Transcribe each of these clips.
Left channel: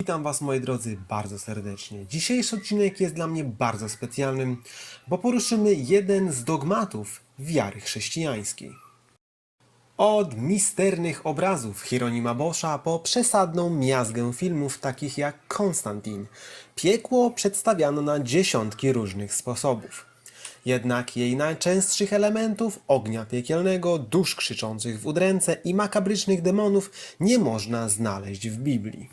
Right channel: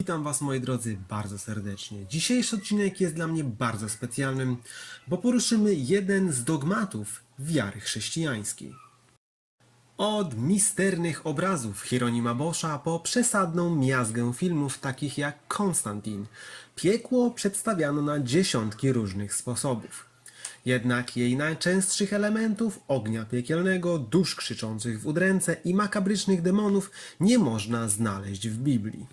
Witam Was moi drodzy bardzo serdecznie. Dzisiejszy odcinek jest dla mnie bardzo specjalnym, bo poruszymy jeden z dogmatów wiary chrześcijańskiej. Od misternych obrazów Hieronima Boscha po przesadną miazgę filmów takich jak Konstantin, piekło przedstawiano na dziesiątki różnych sposobów. Jednak jej najczęstszych elementów, ognia piekielnego, dusz krzyczących w udręce i makabrycznych demonów nie można znaleźć w Biblii.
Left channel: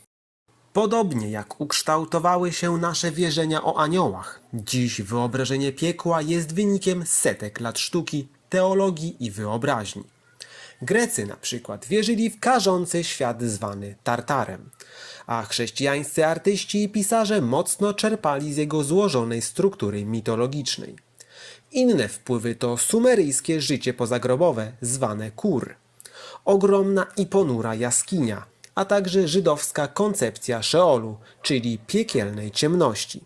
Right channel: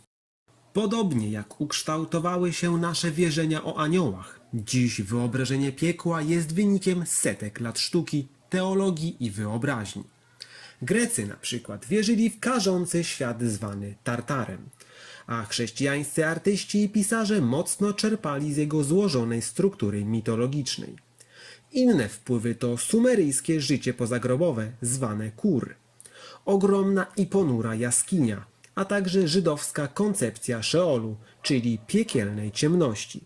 Podobnie jak ukształtowały się nasze wierzenia o aniołach, dziś wyobrażenie piekła jest wynikiem setek lat sztuki, teologii i wyobraźni. Grecy na przykład wierzyli w karzący świat zwany Tartarem, a chrześcijańscy artyści i pisarze mocno czerpali z jego złożonej struktury mitologicznej. Inne wpływy to sumeryjskie życie pozagrobowe zwane Kur, ogromna i ponura jaskinia, a także żydowska koncepcja Szeolu, czyli piekielnej ciemności.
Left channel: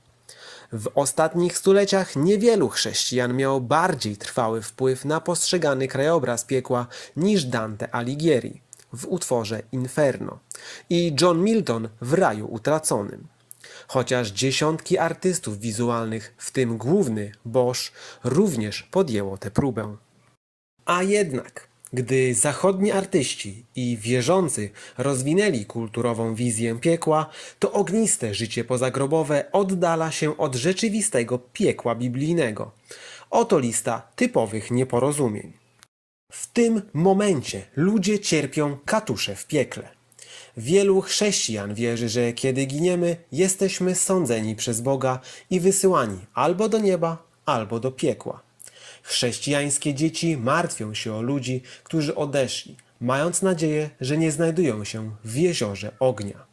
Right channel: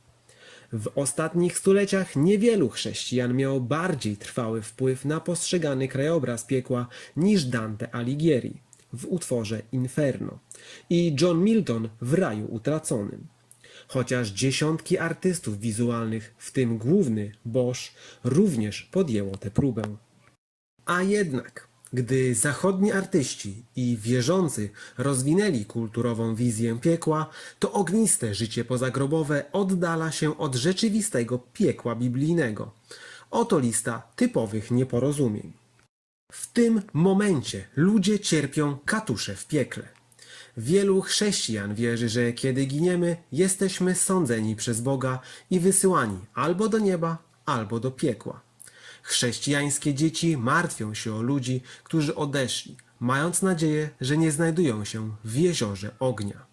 W ostatnich stuleciach niewielu chrześcijan miało bardziej trwały wpływ na postrzegany krajobraz piekła niż Dante Alighieri w utworze Inferno i John Milton w Raju Utraconym. Chociaż dziesiątki artystów wizualnych, w tym główny Bosch, również podjęło tę próbę. A jednak, gdy zachodni artyści i wierzący rozwinęli kulturową wizję piekła, to ogniste życie pozagrobowe oddala się od rzeczywistego piekła biblijnego. Oto lista typowych nieporozumień. W tym momencie ludzie cierpią katusze w piekle. Wielu chrześcijan wierzy, że kiedy giniemy, jesteśmy sądzeni przez Boga i wysyłani albo do nieba, albo do piekła. Chrześcijańskie dzieci martwią się o ludzi, którzy odeszli, mając nadzieję, że nie znajdują się w jeziorze ognia.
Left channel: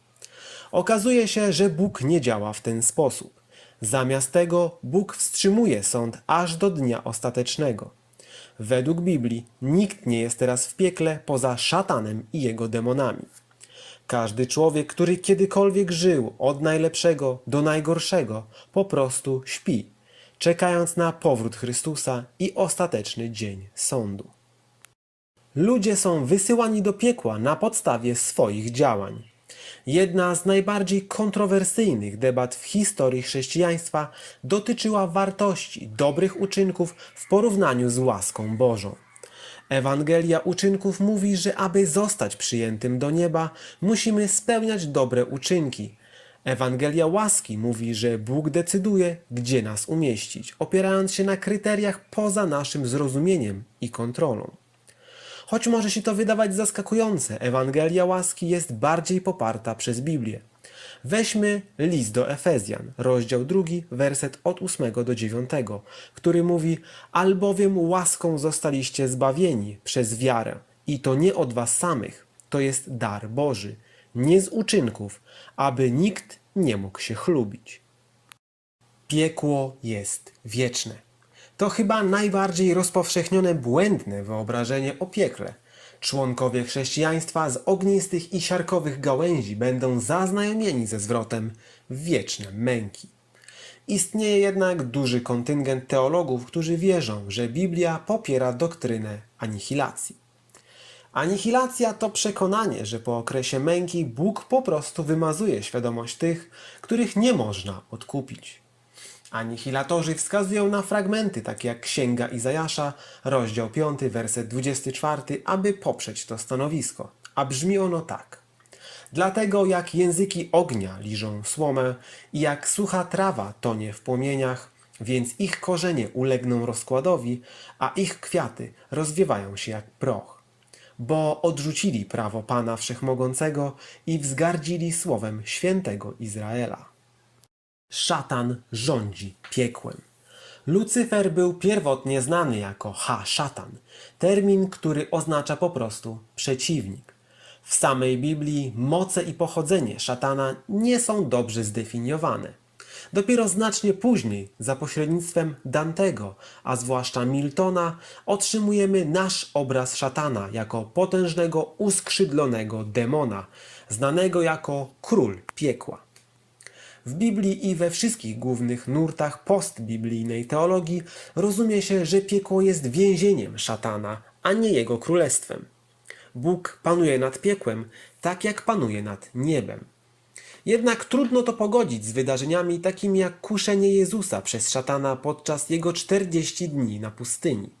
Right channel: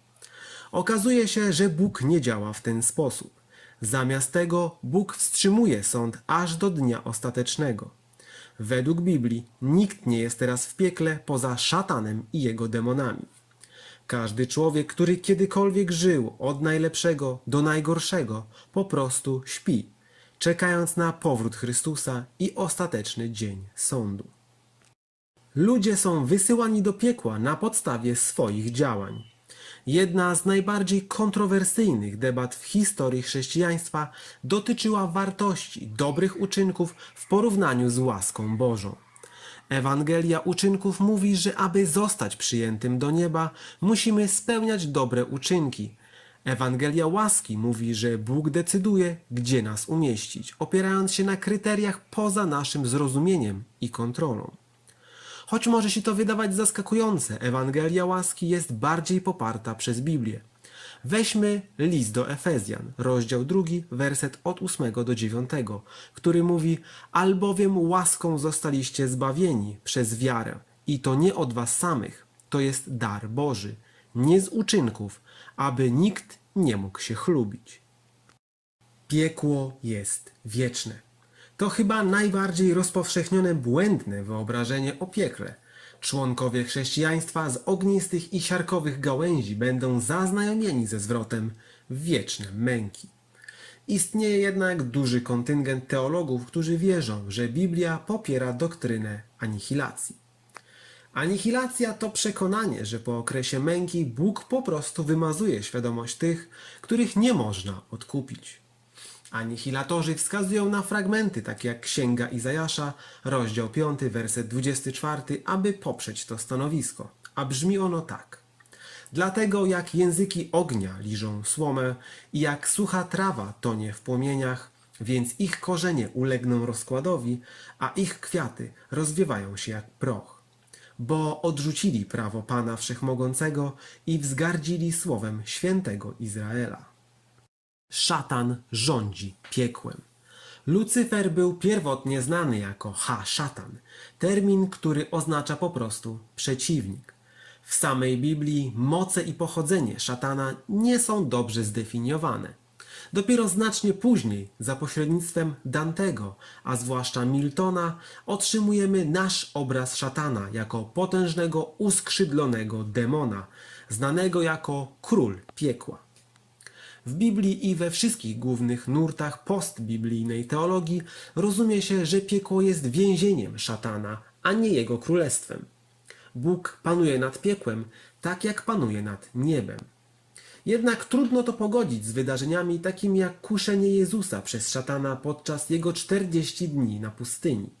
Okazuje się, że Bóg nie działa w ten sposób. Zamiast tego Bóg wstrzymuje sąd aż do dnia ostatecznego. Według Biblii nikt nie jest teraz w piekle poza szatanem i jego demonami. Każdy człowiek, który kiedykolwiek żył od najlepszego do najgorszego, po prostu śpi, czekając na powrót Chrystusa i ostateczny dzień sądu. Ludzie są wysyłani do piekła na podstawie swoich działań. Jedna z najbardziej kontrowersyjnych debat w historii chrześcijaństwa dotyczyła wartości dobrych uczynków w porównaniu z łaską Bożą. Ewangelia uczynków mówi, że aby zostać przyjętym do nieba, musimy spełniać dobre uczynki. Ewangelia łaski mówi, że Bóg decyduje, gdzie nas umieścić, opierając się na kryteriach poza naszym zrozumieniem i kontrolą. Choć może się to wydawać zaskakujące, Ewangelia łaski jest bardziej poparta przez Biblię. Weźmy list do Efezjan, rozdział 2, werset od 8 do 9, który mówi: Albowiem łaską zostaliście zbawieni przez wiarę, i to nie od was samych, to jest dar Boży, nie z uczynków, aby nikt nie mógł się chlubić. Piekło jest wieczne. To chyba najbardziej rozpowszechnione błędne wyobrażenie o piekle. Członkowie chrześcijaństwa z ognistych i siarkowych gałęzi będą zaznajomieni ze zwrotem wieczne męki. Istnieje jednak duży kontyngent teologów, którzy wierzą, że Biblia popiera doktrynę anihilacji. Anihilacja to przekonanie, że po okresie męki Bóg po prostu wymazuje świadomość tych, których nie można odkupić. Anihilatorzy wskazują na fragmenty takie jak Księga Izajasza, rozdział 5, werset 24, aby poprzeć to stanowisko. A brzmi ono tak. Dlatego jak języki ognia liżą słomę i jak sucha trawa tonie w płomieniach, więc ich korzenie ulegną rozkładowi, a ich kwiaty rozwiewają się jak proch. Bo odrzucili prawo Pana Wszechmogącego i wzgardzili słowem świętego Izraela. Szatan rządzi piekłem. Lucyfer był pierwotnie znany jako ha-szatan, termin, który oznacza po prostu przeciwnik. W samej Biblii moce i pochodzenie szatana nie są dobrze zdefiniowane. Dopiero znacznie później, za pośrednictwem Dantego, a zwłaszcza Miltona, otrzymujemy nasz obraz szatana jako potężnego, uskrzydlonego demona, znanego jako król piekła. W Biblii i we wszystkich głównych nurtach postbiblijnej teologii rozumie się, że piekło jest więzieniem szatana, a nie Jego królestwem. Bóg panuje nad piekłem, tak jak panuje nad niebem. Jednak trudno to pogodzić z wydarzeniami takimi jak kuszenie Jezusa przez szatana podczas jego 40 dni na pustyni.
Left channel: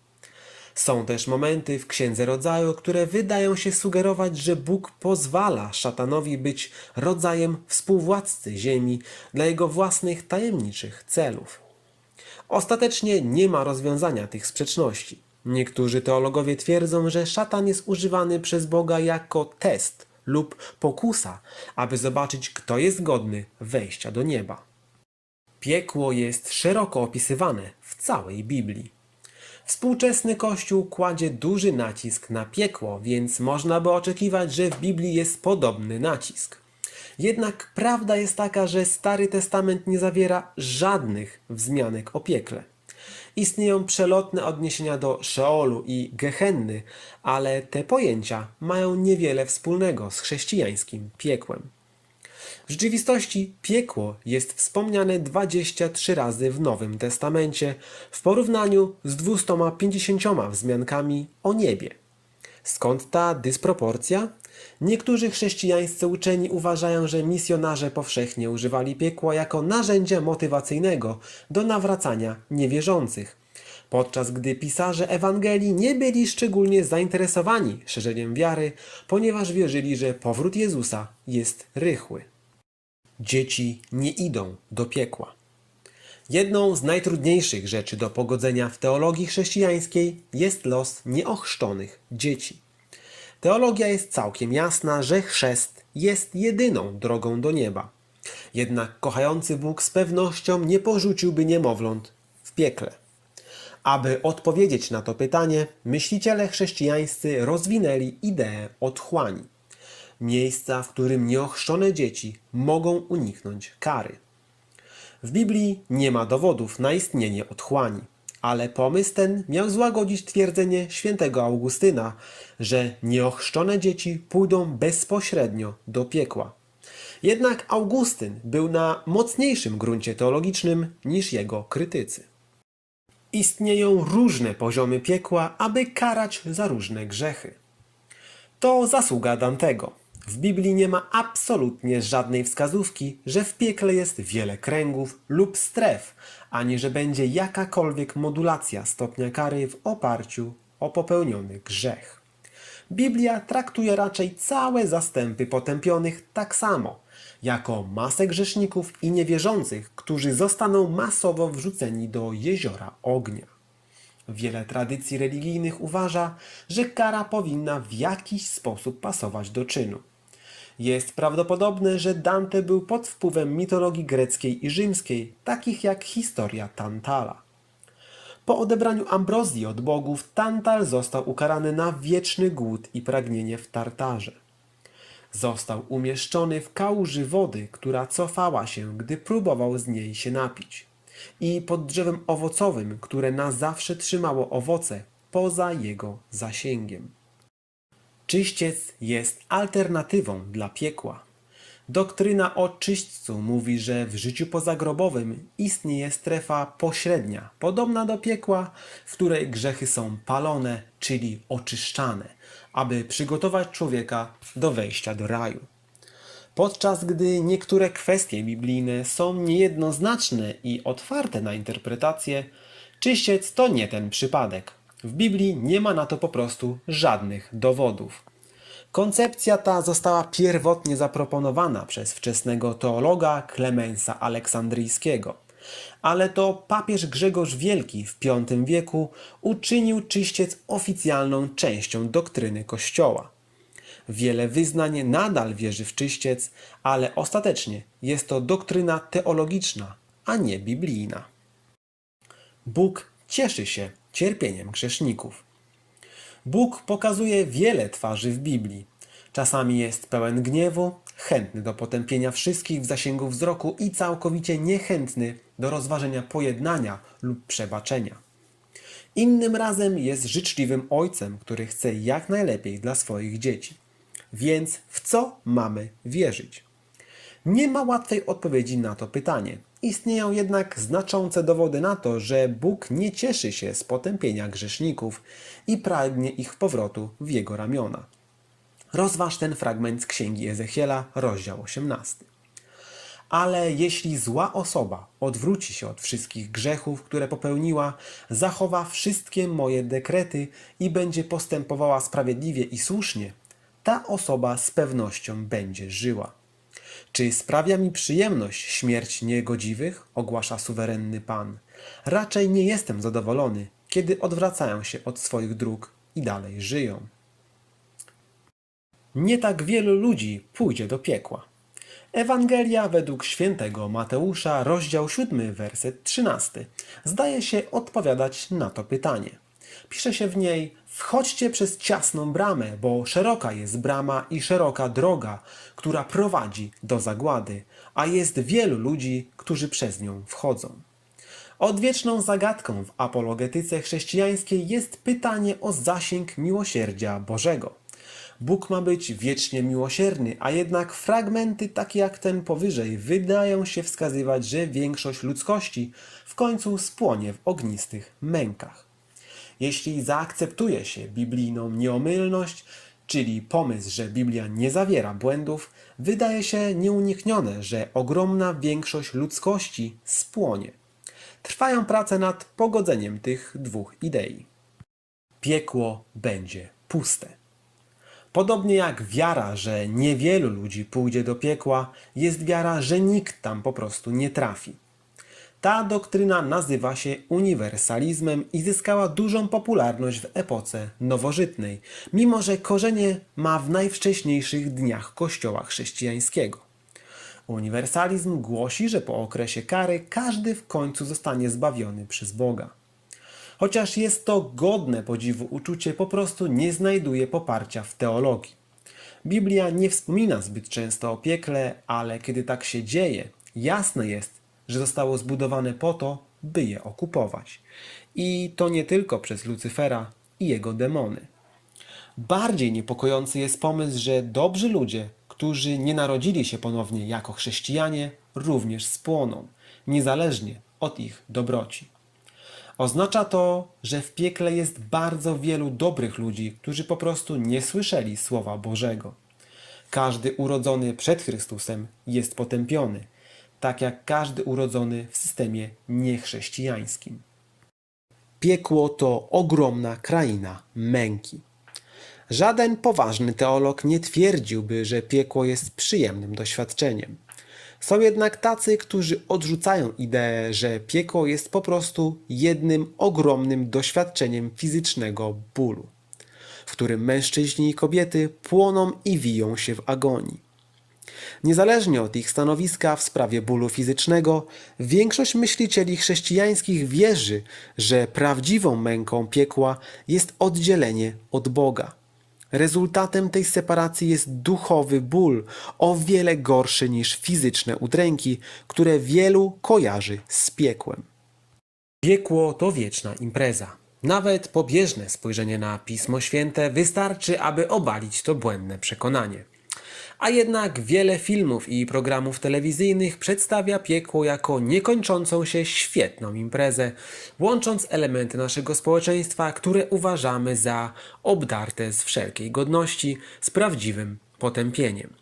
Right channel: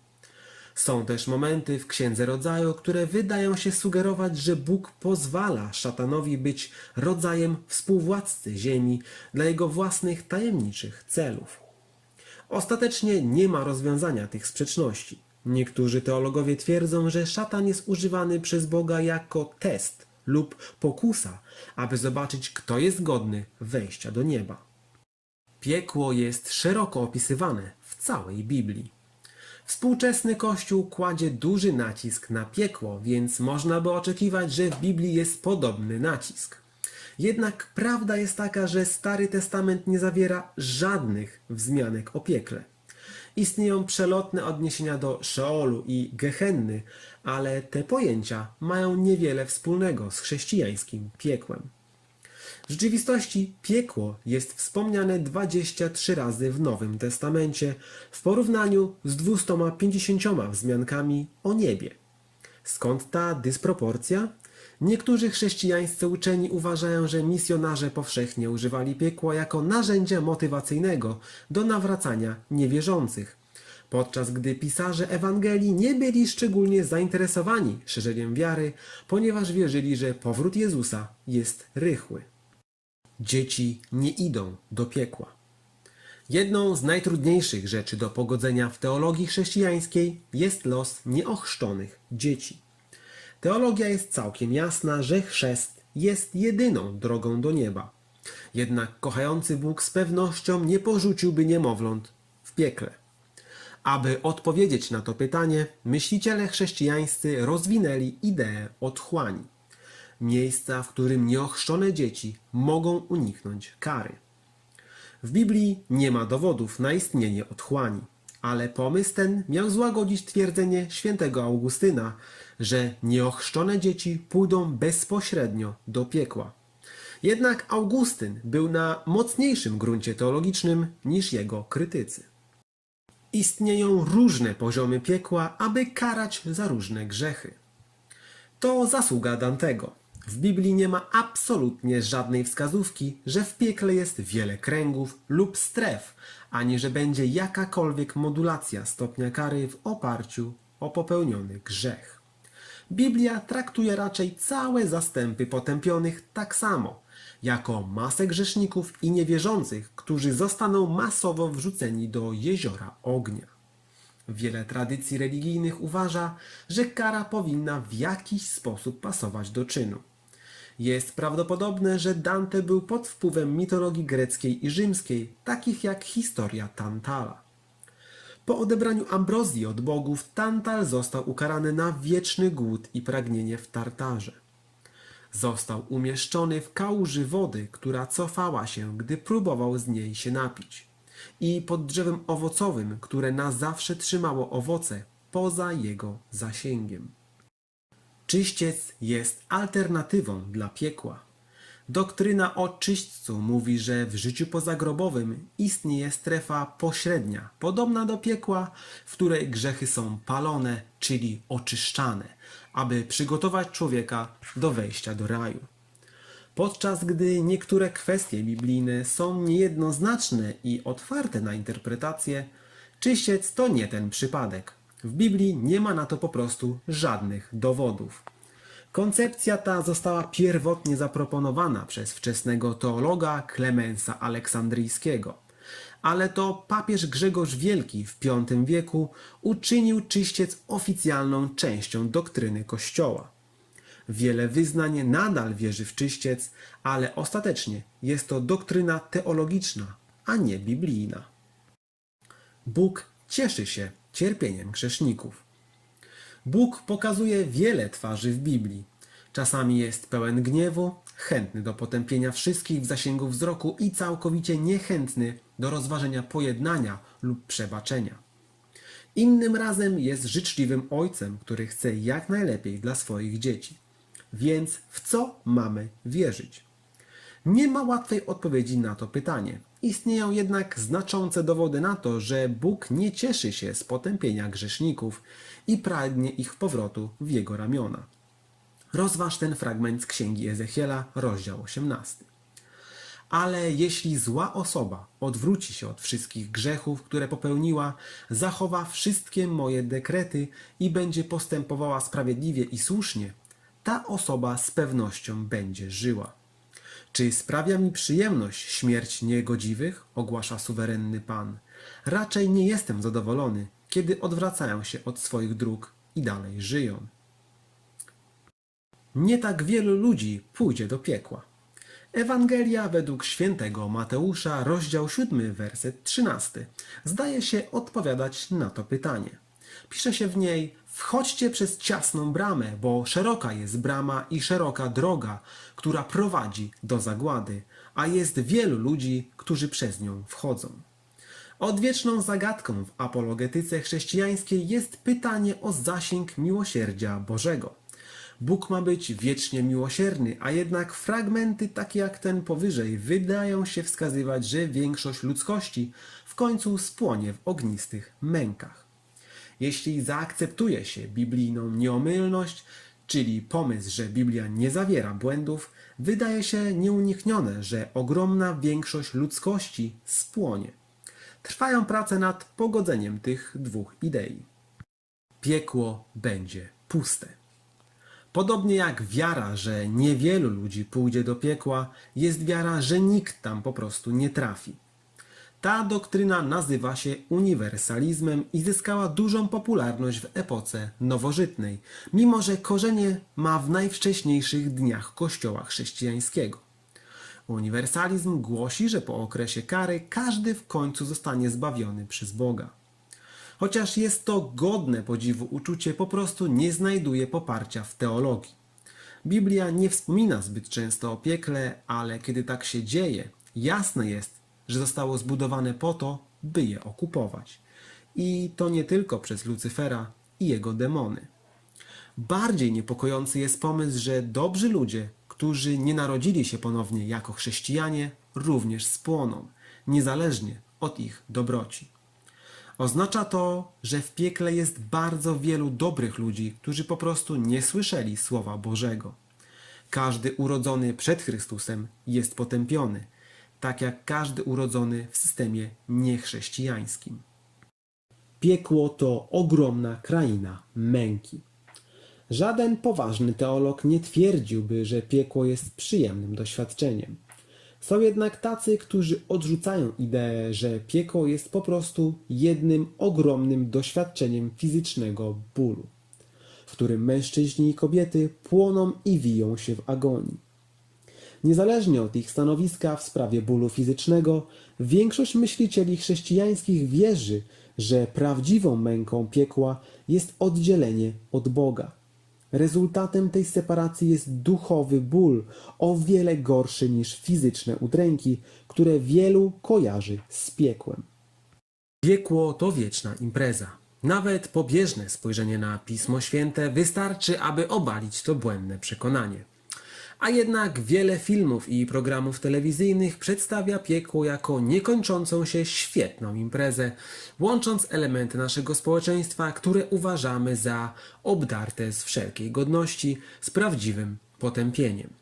Są też momenty w Księdze Rodzaju, które wydają się sugerować, że Bóg pozwala szatanowi być rodzajem współwładcy ziemi dla jego własnych tajemniczych celów. Ostatecznie nie ma rozwiązania tych sprzeczności. Niektórzy teologowie twierdzą, że szatan jest używany przez Boga jako test lub pokusa, aby zobaczyć, kto jest godny wejścia do nieba. Piekło jest szeroko opisywane w całej Biblii. Współczesny Kościół kładzie duży nacisk na piekło, więc można by oczekiwać, że w Biblii jest podobny nacisk. Jednak prawda jest taka, że Stary Testament nie zawiera żadnych wzmianek o piekle. Istnieją przelotne odniesienia do Szeolu i Gehenny, ale te pojęcia mają niewiele wspólnego z chrześcijańskim piekłem. W rzeczywistości piekło jest wspomniane 23 razy w Nowym Testamencie w porównaniu z 250 wzmiankami o niebie. Skąd ta dysproporcja? Niektórzy chrześcijańscy uczeni uważają, że misjonarze powszechnie używali piekła jako narzędzia motywacyjnego do nawracania niewierzących, podczas gdy pisarze Ewangelii nie byli szczególnie zainteresowani szerzeniem wiary, ponieważ wierzyli, że powrót Jezusa jest rychły. Dzieci nie idą do piekła. Jedną z najtrudniejszych rzeczy do pogodzenia w teologii chrześcijańskiej jest los nieochrzczonych dzieci. Teologia jest całkiem jasna, że chrzest jest jedyną drogą do nieba. Jednak kochający Bóg z pewnością nie porzuciłby niemowląt w piekle. Aby odpowiedzieć na to pytanie, myśliciele chrześcijańscy rozwinęli ideę otchłani. Miejsca, w którym nieochrzczone dzieci mogą uniknąć kary. W Biblii nie ma dowodów na istnienie otchłani, ale pomysł ten miał złagodzić twierdzenie świętego Augustyna, że nieochrzczone dzieci pójdą bezpośrednio do piekła. Jednak Augustyn był na mocniejszym gruncie teologicznym niż jego krytycy. Istnieją różne poziomy piekła, aby karać za różne grzechy. To zasługa Dantego. W Biblii nie ma absolutnie żadnej wskazówki, że w piekle jest wiele kręgów lub stref, ani że będzie jakakolwiek modulacja stopnia kary w oparciu o popełniony grzech. Biblia traktuje raczej całe zastępy potępionych tak samo, jako masę grzeszników i niewierzących, którzy zostaną masowo wrzuceni do jeziora ognia. Wiele tradycji religijnych uważa, że kara powinna w jakiś sposób pasować do czynu. Jest prawdopodobne, że Dante był pod wpływem mitologii greckiej i rzymskiej, takich jak historia Tantala. Po odebraniu ambrozji od bogów, Tantal został ukarany na wieczny głód i pragnienie w Tartarze. Został umieszczony w kałuży wody, która cofała się, gdy próbował z niej się napić. I pod drzewem owocowym, które na zawsze trzymało owoce poza jego zasięgiem. Czyściec jest alternatywą dla piekła. Doktryna o czyśćcu mówi, że w życiu pozagrobowym istnieje strefa pośrednia, podobna do piekła, w której grzechy są palone, czyli oczyszczane, aby przygotować człowieka do wejścia do raju. Podczas gdy niektóre kwestie biblijne są niejednoznaczne i otwarte na interpretację, czyściec to nie ten przypadek. W Biblii nie ma na to po prostu żadnych dowodów. Koncepcja ta została pierwotnie zaproponowana przez wczesnego teologa Klemensa Aleksandryjskiego, ale to papież Grzegorz Wielki w V wieku uczynił czyściec oficjalną częścią doktryny Kościoła. Wiele wyznań nadal wierzy w czyściec, ale ostatecznie jest to doktryna teologiczna, a nie biblijna. Bóg cieszy się cierpieniem grzeszników. Bóg pokazuje wiele twarzy w Biblii. Czasami jest pełen gniewu, chętny do potępienia wszystkich w zasięgu wzroku i całkowicie niechętny do rozważenia pojednania lub przebaczenia. Innym razem jest życzliwym ojcem, który chce jak najlepiej dla swoich dzieci. Więc w co mamy wierzyć? Nie ma łatwej odpowiedzi na to pytanie. Istnieją jednak znaczące dowody na to, że Bóg nie cieszy się z potępienia grzeszników i pragnie ich powrotu w jego ramiona. Rozważ ten fragment z księgi Ezechiela, rozdział 18. Ale jeśli zła osoba odwróci się od wszystkich grzechów, które popełniła, zachowa wszystkie moje dekrety i będzie postępowała sprawiedliwie i słusznie, ta osoba z pewnością będzie żyła. Czy sprawia mi przyjemność śmierć niegodziwych? ogłasza suwerenny Pan. Raczej nie jestem zadowolony, kiedy odwracają się od swoich dróg i dalej żyją. Nie tak wielu ludzi pójdzie do piekła. Ewangelia według świętego Mateusza, rozdział 7, werset 13, zdaje się odpowiadać na to pytanie. Pisze się w niej: Wchodźcie przez ciasną bramę, bo szeroka jest brama i szeroka droga, która prowadzi do zagłady, a jest wielu ludzi, którzy przez nią wchodzą. Odwieczną zagadką w apologetyce chrześcijańskiej jest pytanie o zasięg miłosierdzia Bożego. Bóg ma być wiecznie miłosierny, a jednak fragmenty takie jak ten powyżej wydają się wskazywać, że większość ludzkości w końcu spłonie w ognistych mękach. Jeśli zaakceptuje się biblijną nieomylność, czyli pomysł, że Biblia nie zawiera błędów, wydaje się nieuniknione, że ogromna większość ludzkości spłonie. Trwają prace nad pogodzeniem tych dwóch idei. Piekło będzie puste. Podobnie jak wiara, że niewielu ludzi pójdzie do piekła, jest wiara, że nikt tam po prostu nie trafi. Ta doktryna nazywa się uniwersalizmem i zyskała dużą popularność w epoce nowożytnej, mimo że korzenie ma w najwcześniejszych dniach Kościoła chrześcijańskiego. Uniwersalizm głosi, że po okresie kary każdy w końcu zostanie zbawiony przez Boga. Chociaż jest to godne podziwu uczucie, po prostu nie znajduje poparcia w teologii. Biblia nie wspomina zbyt często o piekle, ale kiedy tak się dzieje, jasne jest, że zostało zbudowane po to, by je okupować. I to nie tylko przez Lucyfera i jego demony. Bardziej niepokojący jest pomysł, że dobrzy ludzie, którzy nie narodzili się ponownie jako chrześcijanie, również spłoną, niezależnie od ich dobroci. Oznacza to, że w piekle jest bardzo wielu dobrych ludzi, którzy po prostu nie słyszeli Słowa Bożego. Każdy urodzony przed Chrystusem jest potępiony, tak jak każdy urodzony w systemie niechrześcijańskim. Piekło to ogromna kraina męki. Żaden poważny teolog nie twierdziłby, że piekło jest przyjemnym doświadczeniem. Są jednak tacy, którzy odrzucają ideę, że piekło jest po prostu jednym ogromnym doświadczeniem fizycznego bólu, w którym mężczyźni i kobiety płoną i wiją się w agonii. Niezależnie od ich stanowiska w sprawie bólu fizycznego, większość myślicieli chrześcijańskich wierzy, że prawdziwą męką piekła jest oddzielenie od Boga. Rezultatem tej separacji jest duchowy ból, o wiele gorszy niż fizyczne udręki, które wielu kojarzy z piekłem. Piekło to wieczna impreza. Nawet pobieżne spojrzenie na Pismo Święte wystarczy, aby obalić to błędne przekonanie. A jednak wiele filmów i programów telewizyjnych przedstawia piekło jako niekończącą się świetną imprezę, łącząc elementy naszego społeczeństwa, które uważamy za obdarte z wszelkiej godności, z prawdziwym potępieniem.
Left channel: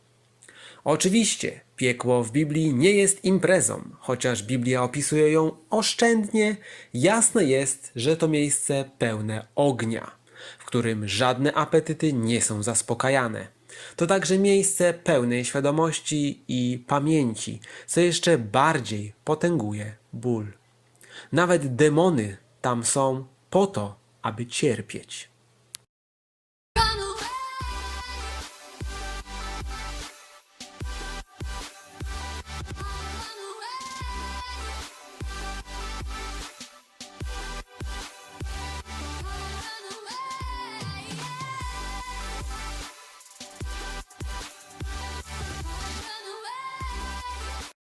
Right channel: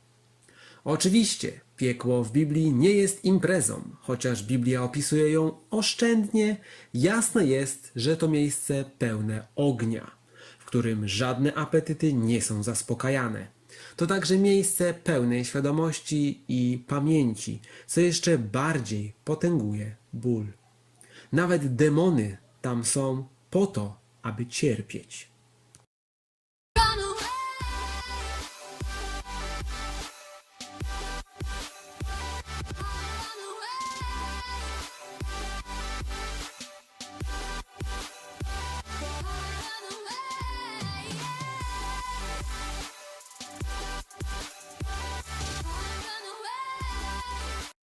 Oczywiście, piekło w Biblii nie jest imprezą, chociaż Biblia opisuje ją oszczędnie, jasne jest, że to miejsce pełne ognia, w którym żadne apetyty nie są zaspokajane. To także miejsce pełnej świadomości i pamięci, co jeszcze bardziej potęguje ból. Nawet demony tam są po to, aby cierpieć.